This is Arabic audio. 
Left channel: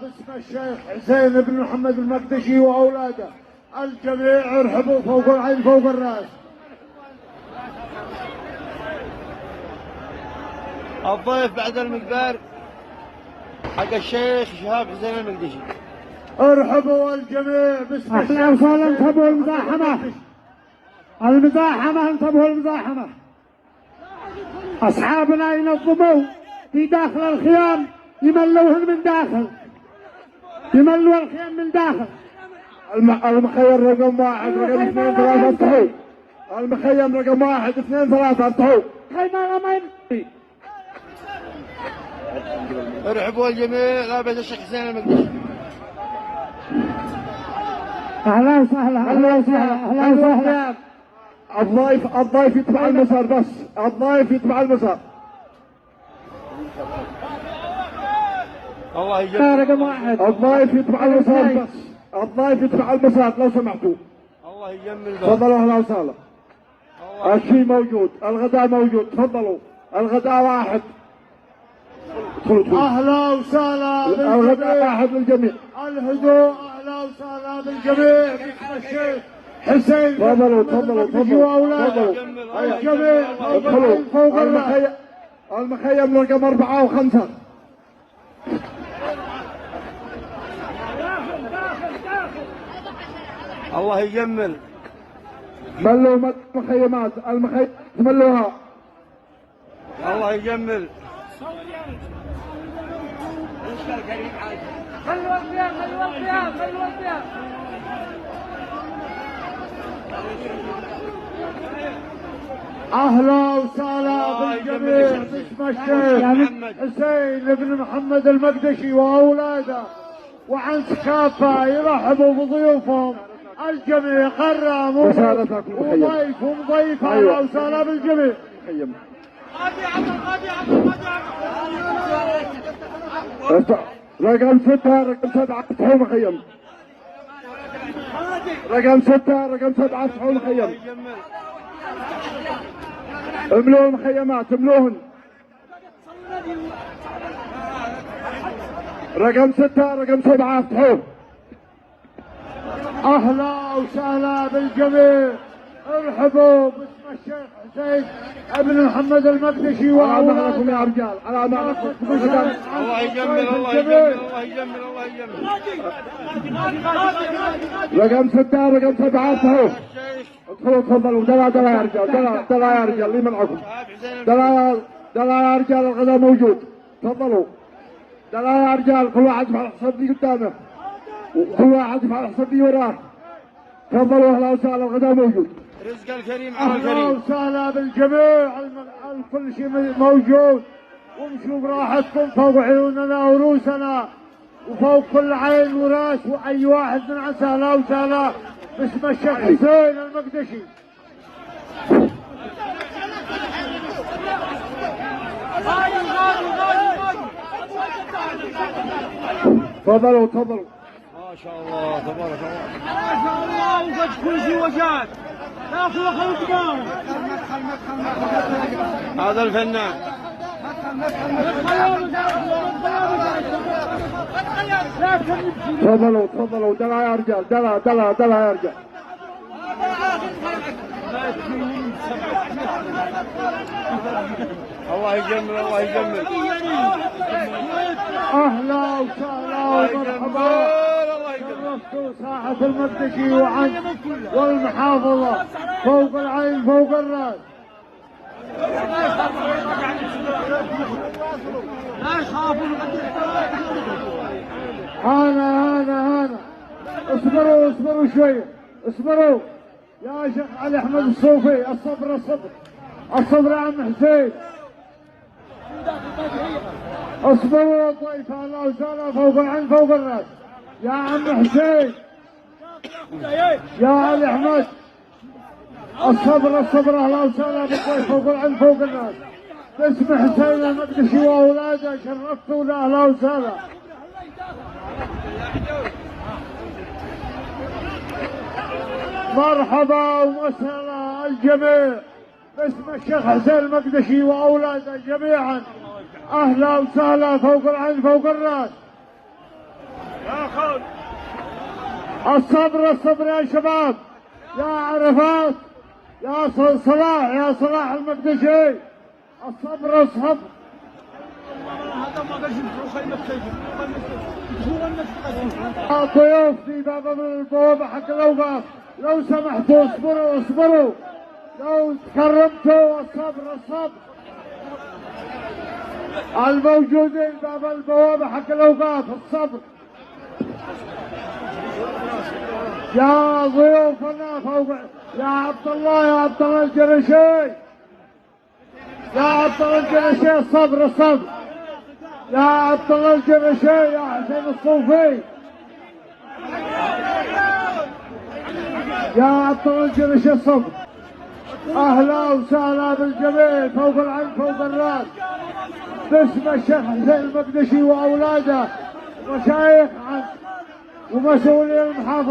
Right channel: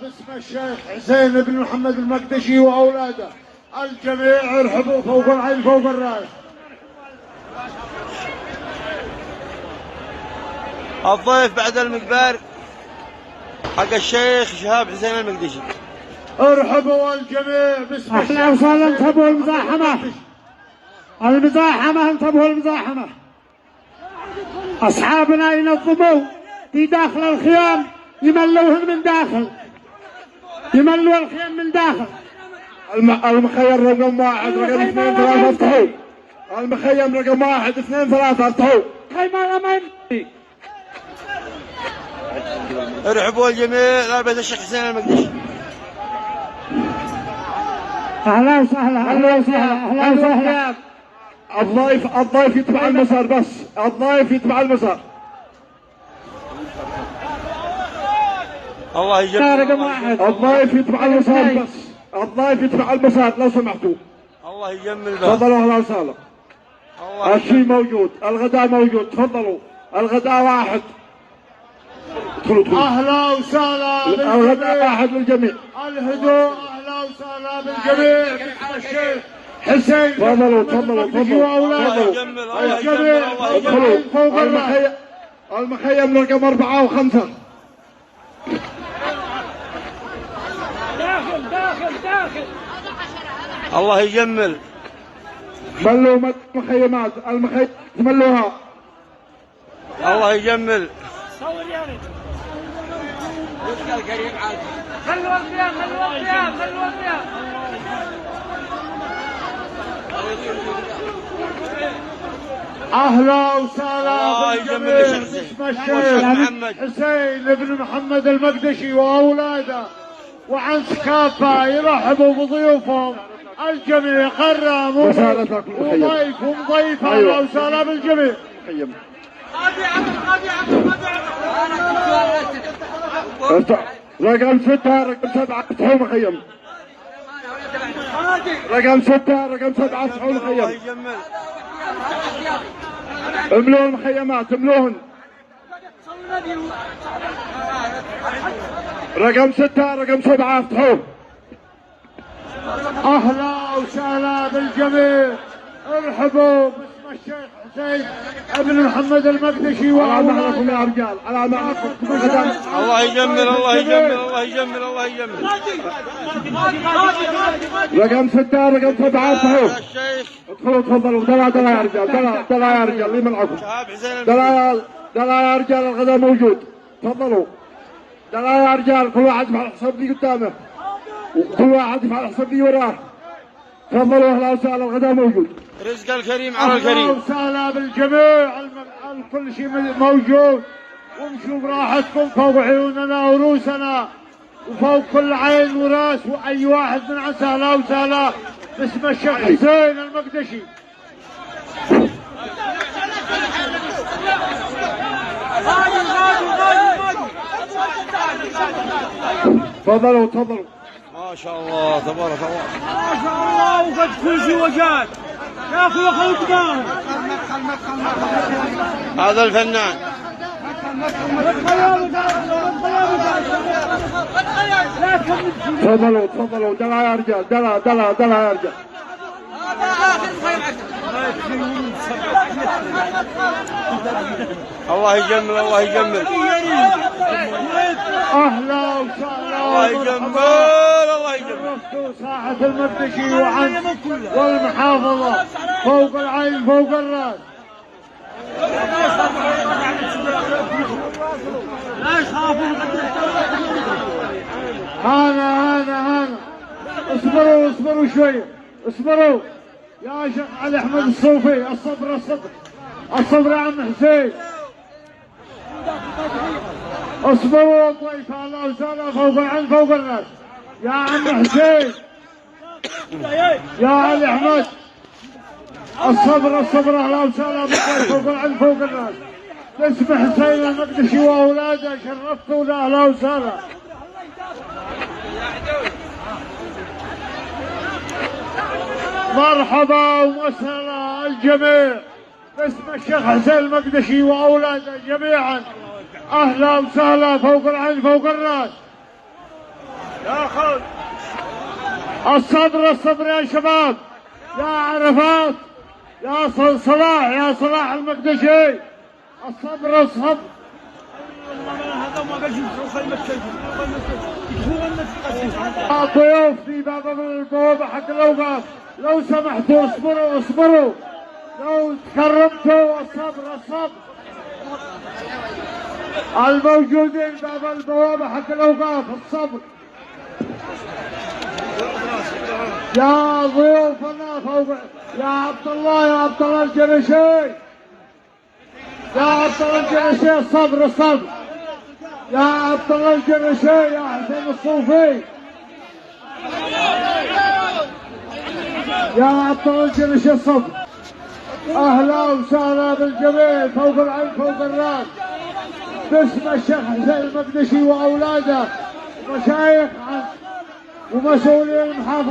باسم الشيخ حسين بن محمد المقدشي واولاده الجميع ارحبوا فوق العين فوق الراس. الضيف بعد المقبار حق الشيخ شهاب حسين المقدشي. ارحبوا الجميع باسم الشيخ. اهلا وسهلا. انتبهوا المزاحمه، المزاحمه، انتبهوا المزاحمه. اصحابنا ينظموا في داخل الخيام، يملوهم من داخل، يملوا الخيام من داخل. المخيم رقم 1 رقم 2 3 افتحوا. المخيم رقم 1 2 3 افتحوا. خيمة الامن. ارحبوا الجميع لابد الشيخ حسين المقدشي. اهلا وسهلا، اهلا وسهلا، اهلا وسهلا. الضيف يتبع المسار بس، الضيف يتبع المسار. الله يجمل. الضيف يتبع المسار بس، الضيف يتبع المسار لو سمحتوا. الله يجمل. تفضلوا اهلا وسهلا. الشيء موجود، الغداء موجود، تفضلوا. الغداء واحد. ادخلوا. اهلا وسهلا. الغداء واحد للجميع. الهدوء. اهلا وسهلا بالجميع باسم الشيخ حسين. تفضلوا تفضلوا تفضلوا. الجميع ادخلوا فوق المخيم رقم 4 و5. الله يجمل. ملوا مخيمات، المخيم ملوها. الله يجمل. اهلا وسهلا بالجميع باسم الشيخ حسين بن محمد المقدشي واولاده وعنس كافه يرحبوا بضيوفهم الجميع قرام وضيف ومضيف. اهلا وسهلا بالجميع. رقم 6 رقم 7 افتحوا مخيم. رقم 6 رقم 7 افتحوا مخيم. املوا المخيمات املوهن. رقم 6 رقم 7 افتحوه. اهلا وسهلا بالجميع. ارحبوا باسم الشيخ حسين ابن محمد المقدشي وأولاده يا رجال. على معكم. الله يجمل. الله يجمل. الله يجمل. الله يجمل. رقم 6 رقم 7 افتحوه. ادخلوا تفضلوا. دلا يا رجال. دلا يا رجال. لي منعكم. دلا يا رجال. الغداء موجود. تفضلوا. دلا يا رجال. كل واحد يفعل حساب لي قدامه وكل واحد يفعل حساب لي وراه. تفضلوا. اهلا وسهلا. الغداء موجود. رزق الكريم على الكريم. اهلا وسهلا بالجميع. كل شيء موجود وامشوا براحتكم فوق عيوننا ورؤوسنا وفوق كل عين وراس واي واحد من عسى. اهلا وسهلا باسم الشيخ حسين المقدشي. تفضلوا تفضلوا. ما شاء الله تبارك الله. ما شاء الله. وقد كل شيء وجاد يا اخي القدام. هذا الفنان. تفضلوا تفضلوا. دلا يا رجال. دلا يا رجال. الله يجمل. الله يجمل. اهلا وسهلا. الله يجمل. الله يجمل. ساحة المقدشي وعنس والمحافظة فوق العين فوق الراس. هذا اصبروا شوي. اصبروا يا شيخ علي احمد الصوفي. الصبر يا عم حسين. اصبروا ضيف. اهلا وسهلا فوق العين فوق الراس يا عم حسين. يا علي احمد. الصبر اهلا وسهلا بالضيف فوق العين فوق الراس باسم حسين المقدشي واولاده. شرفتونا. اهلا وسهلا. مرحبا ومسهلا الجميع باسم الشيخ حسين المقدشي واولاده جميعا. اهلا وسهلا، فوق العين فوق الراس. الصبر الصبر يا شباب، يا عرفات، يا صلاح، يا صلاح المقدشي، الصبر الصبر. الضيوف في باب البوابة حق الأوقاف لو سمحتوا اصبروا اصبروا، لو تكرمتوا الصبر الصبر. الموجودين باب البوابة حق الأوقاف الصبر. يا ضيوفنا فوق، يا عبد الله، يا عبد الله الجرشي، يا عبد الله الجرشي الصبر الصبر. يا عبد الله الجرشي، يا حسين الصوفي، يا عبد الله الجرشي الصبر. اهلا وسهلا بالجميع، فوق العين فوق الراس، باسم الشيخ حسين المقدشي واولاده، مشايخ ومسؤولين المحافظه.